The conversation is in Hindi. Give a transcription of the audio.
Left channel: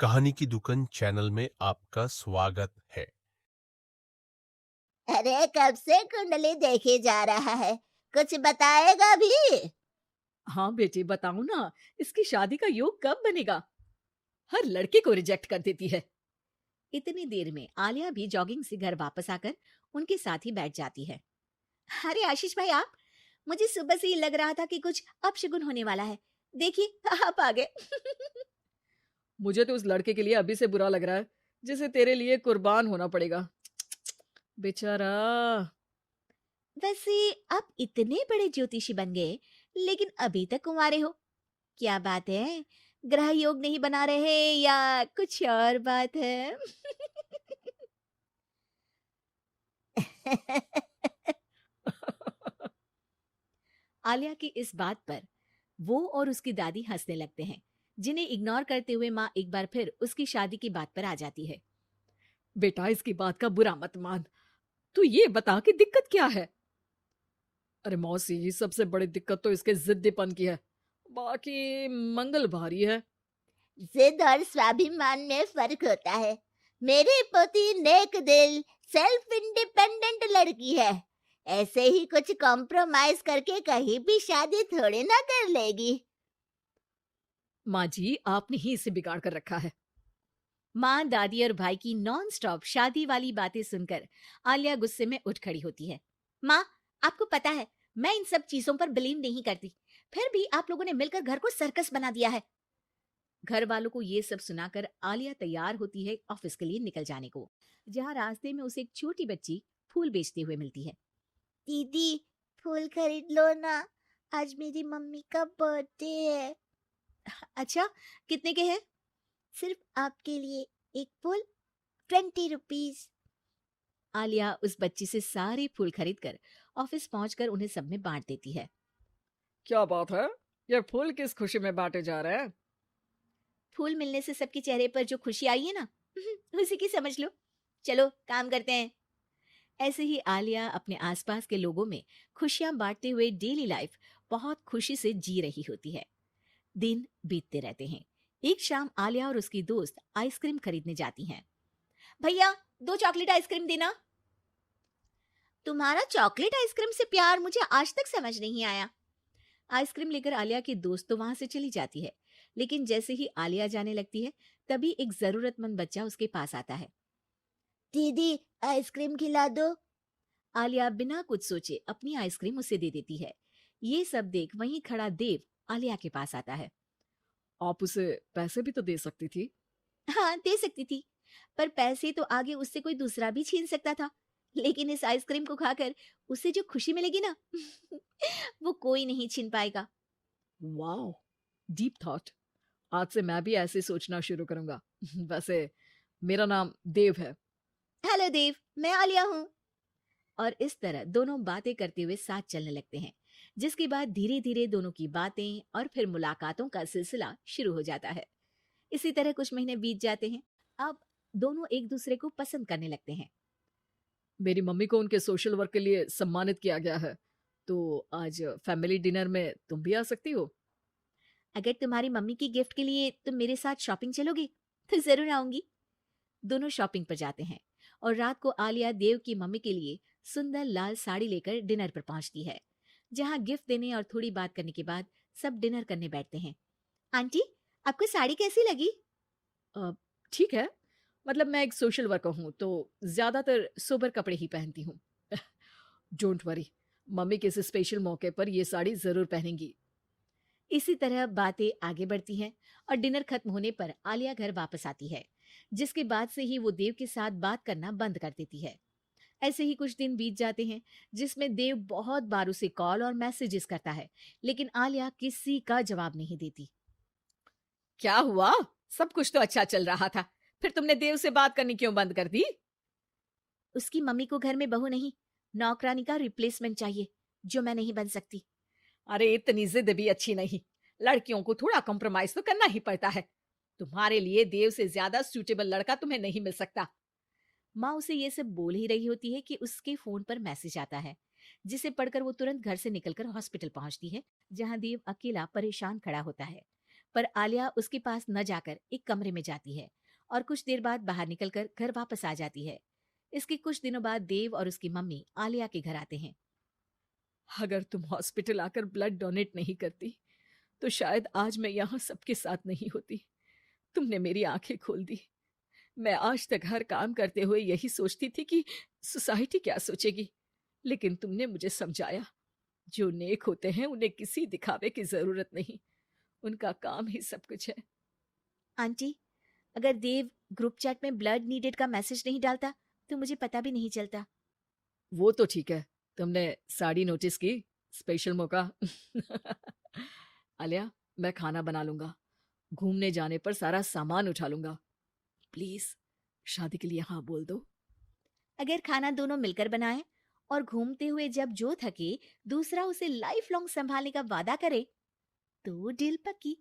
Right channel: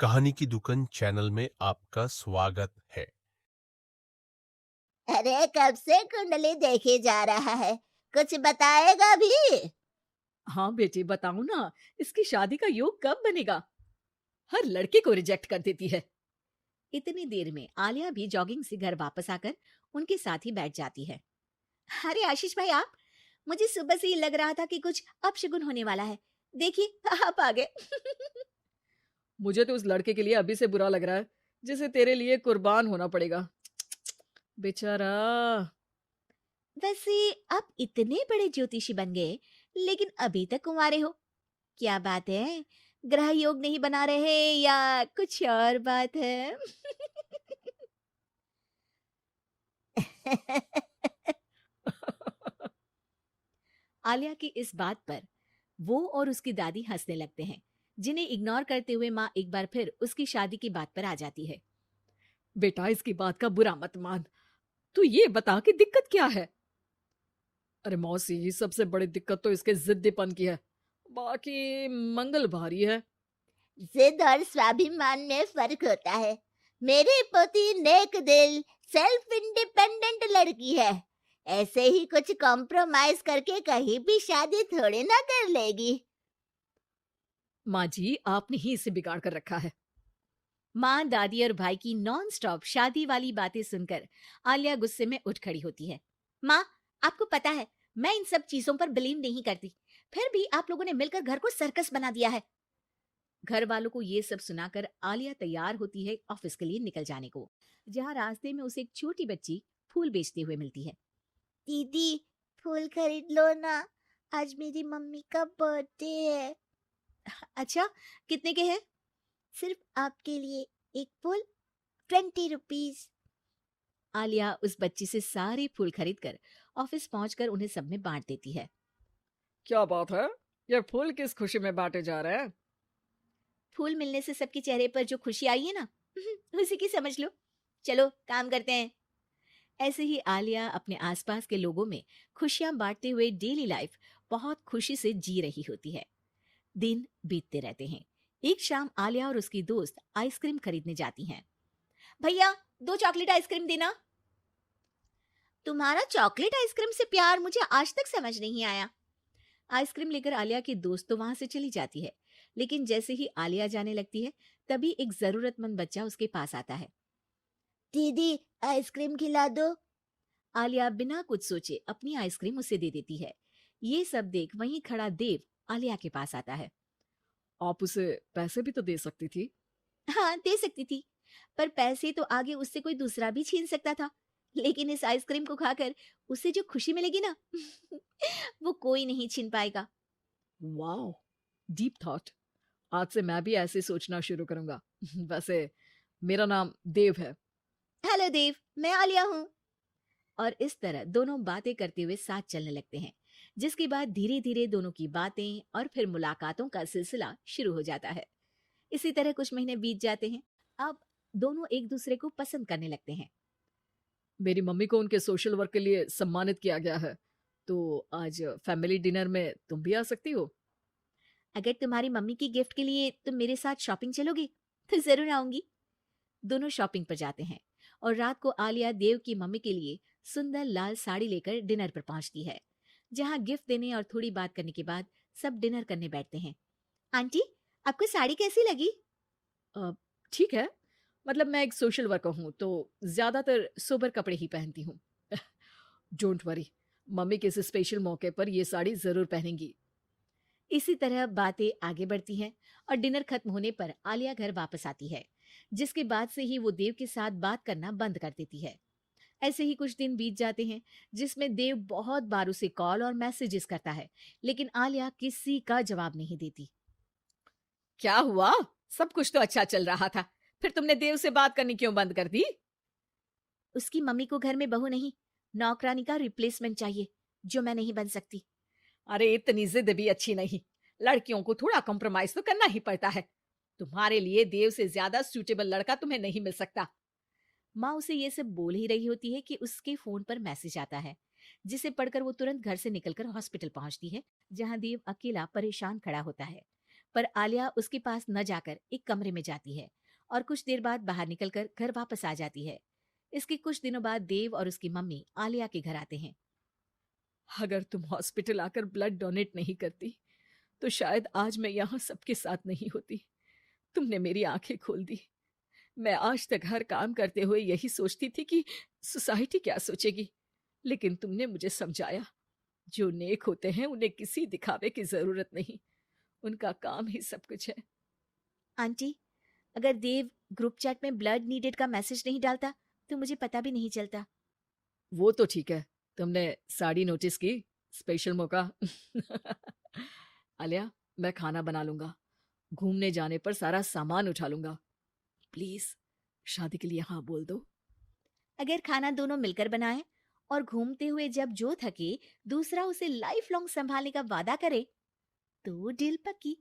कहानी की दुकान चैनल में आपका स्वागत है। अरे कब से कुंडली देखे जा रहा है, कुछ बताएगा भी? हाँ बेटी बताऊं ना। इसकी शादी का योग कब बनेगा? हर लड़के को रिजेक्ट कर देती है। इतनी देर में आलिया भी जॉगिंग से घर वापस आकर उनके साथ ही बैठ जाती है। अरे आशीष भाई आप, मुझे सुबह से ही लग रहा था कि कुछ अपशगुन होने वाला है। देखिए आप आ गए। मुझे तो उस लड़के के लिए अभी से बुरा लग रहा है, जिसे तेरे लिए कुर्बान होना पड़ेगा। बेचारा। वैसे आप इतने बड़े ज्योतिषी बन गए, लेकिन अभी तक कुंवारे हो। क्या बात है? ग्रह योग नहीं बना रहे या कुछ और बात है? आलिया की इस बात पर वो और उसकी दादी हंसने लगते हैं, जिन्हें इग्नोर करते हुए माँ एक बार फिर उसकी शादी की बात पर आ जाती है। बेटा इसकी बात का बुरा मत मान। तू ये बता कि दिक्कत क्या है। अरे मौसी, सबसे बड़ी दिक्कत तो इसके जिद्दीपन की है। बाकी मंगल भारी है। जिद और स्वाभिमान में फर्क होता है। मेरी पोती नेक दिल, सेल्फ इंडिपेंडेंट लड़की है। ऐसे ही कुछ कॉम्प्रोमाइज करके कहीं भी शादी थोड़ी ना कर लेगी। माँ जी, आपने ही इसे बिगाड़ कर रखा है। माँ, दादी और भाई की नॉन स्टॉप शादी वाली बातें सुनकर आलिया गुस्से में उठ खड़ी होती है। माँ, आपको पता है मैं इन सब चीजों पर बिलीव नहीं करती, फिर भी आप लोगों ने मिलकर घर को सर्कस बना दिया है। घर वालों को ये सब सुनाकर आलिया तैयार होती है ऑफिस के लिए निकल जाने को, जहाँ रास्ते में उसे एक छोटी बच्ची फूल बेचते हुए मिलती है। दीदी, फूल खरीद लो ना, आज मेरी मम्मी का बर्थडे है। अच्छा, कितने के हैं? सिर्फ आपके लिए एक फूल, 20 रुपीज। आलिया उस बच्ची से सारे फूल खरीदकर ऑफिस पहुंचकर उन्हें सब में बांट देती है। क्या बात है? ये फूल किस खुशी में बांटे जा रहे हैं? फूल मिलने से सबके चेहरे पर जो खुशी आई है ना, उसी की समझ लो। चलो काम करते हैं। ऐसे ही आलिया अपने आसपास के लोगों में खुशियां बांटते हुए डेली लाइफ बहुत खुशी से जी रही होती है। दिन बीतते रहते हैं। एक शाम आलिया और उसकी दोस्त आइसक्रीम खरीदने जाती हैं। भैया, 2 चॉकलेट आइसक्रीम देना। तुम्हारा चॉकलेट आइसक्रीम से प्यार मुझे आज तक समझ नहीं आया। आइसक्रीम लेकर आलिया की दोस्त तो वहां से चली जाती है, लेकिन जैसे ही आलिया जाने लगती है, तभी एक जरूरतमंद बच्चा उसके पास आता है। दीदी, आइसक्रीम खिला दो। आलिया बिना कुछ सोचे अपनी आइसक्रीम उसे दे देती है। ये सब देख वहीं खड़ा देव आलिया के पास आता है। आप उसे पैसे भी तो दे सकती थी। हाँ, दे सकती थी, पर पैसे तो आगे उससे कोई दूसरा भी छीन सकता था। लेकिन इस आइसक्रीम को खाकर उसे जो खुशी मिलेगी ना, वो कोई नहीं छीन पाएगा। Deep thought. आज से मैं भी ऐसे सोचना शुरू करूंगा। वैसे मेरा नाम देव है। हेलो देव, मैं आलिया हूँ। और इस तरह दोनों बातें करते हुए साथ चलने लगते हैं, जिसके बाद धीरे धीरे दोनों की बातें और फिर मुलाकातों का सिलसिला शुरू हो जाता है। इसी तरह कुछ महीने बीत जाते हैं। अब दोनों एक दूसरे को पसंद करने लगते हैं। मेरी मम्मी को उनके सोशल वर्क के लिए सम्मानित किया गया है, तो आज फैमिली डिनर में तुम भी आ सकती हो। अगर तुम्हारी मम्मी की गिफ्ट के लिए तुम मेरे साथ शॉपिंग चलोगे तो जरूर आऊंगी। दोनों शॉपिंग पर जाते हैं और रात को आलिया देव की मम्मी के लिए सुंदर लाल साड़ी लेकर डिनर पर पहुंचती है, जहां गिफ्ट देने और थोड़ी बात करने के बाद सब डिनर करने बैठते हैं। आंटी, आपको साड़ी कैसी लगी? अ, ठीक है। मतलब मैं एक सोशल वर्कर हूँ, तो ज्यादातर सोबर कपड़े ही पहनती हूँ। डोंट वरी, मम्मी के इस स्पेशल मौके पर ये साड़ी जरूर पहनेंगी। इसी तरह बातें आगे बढ़ती हैं और डिनर खत्म होने पर आलिया घर वापस आती है, जिसके बाद से ही वो देव के साथ बात करना बंद कर देती है। ऐसे ही कुछ दिन बीत जाते हैं, जिसमें देव बहुत बार उसे कॉल और मैसेजेस करता है, लेकिन आलिया किसी का जवाब नहीं देती। क्या हुआ? सब कुछ तो अच्छा चल रहा था, फिर तुमने देव से बात करनी क्यों बंद कर दी? उसकी मम्मी को घर में बहू नहीं, नौकरानी का रिप्लेसमेंट चाहिए, जो मैं नहीं बन सकती। अरे इतनी जिद भी अच्छी नहीं। लड़कियों को थोड़ा कॉम्प्रोमाइज तो करना ही पड़ता है। तुम्हारे लिए देव से ज्यादा सूटेबल लड़का तुम्हें नहीं मिल सकता। माँ उसे ये सब बोल ही रही होती है कि उसके फोन पर मैसेज आता है, जिसे पढ़कर वो तुरंत घर से निकलकर हॉस्पिटल पहुंचती है, जहां देव अकेला परेशान खड़ा होता है। पर आलिया उसके पास न जाकर एक कमरे में जाती है और कुछ देर बाद बाहर निकलकर घर वापस आ जाती है। इसके कुछ दिनों बाद देव और उसकी मम्मी आलिया के घर आते हैं। अगर तुम हॉस्पिटल आकर ब्लड डोनेट नहीं करती तो शायद आज मैं यहाँ सबके साथ नहीं होती। तुमने मेरी आंखें खोल दी। मैं आज तक हर काम करते हुए यही सोचती थी कि सोसाइटी क्या सोचेगी, लेकिन तुमने मुझे समझाया जो नेक होते हैं उन्हें किसी दिखावे की जरूरत नहीं, उनका काम ही सब कुछ है। आंटी, अगर देव ग्रुप चैट में ब्लड नीडेड का मैसेज नहीं डालता तो मुझे पता भी नहीं चलता। वो तो ठीक है। तुमने साड़ी नोटिस की? स्पेशल मौका। आलिया, मैं खाना बना लूंगा। घूमने जाने पर सारा सामान उठा लूंगा। प्लीज शादी के लिए हाँ बोल दो। अगर खाना दोनों मिलकर बनाएं और घूमते हुए जब जो थके दूसरा उसे लाइफ लॉन्ग संभालने का वादा करे तो डील पक्की।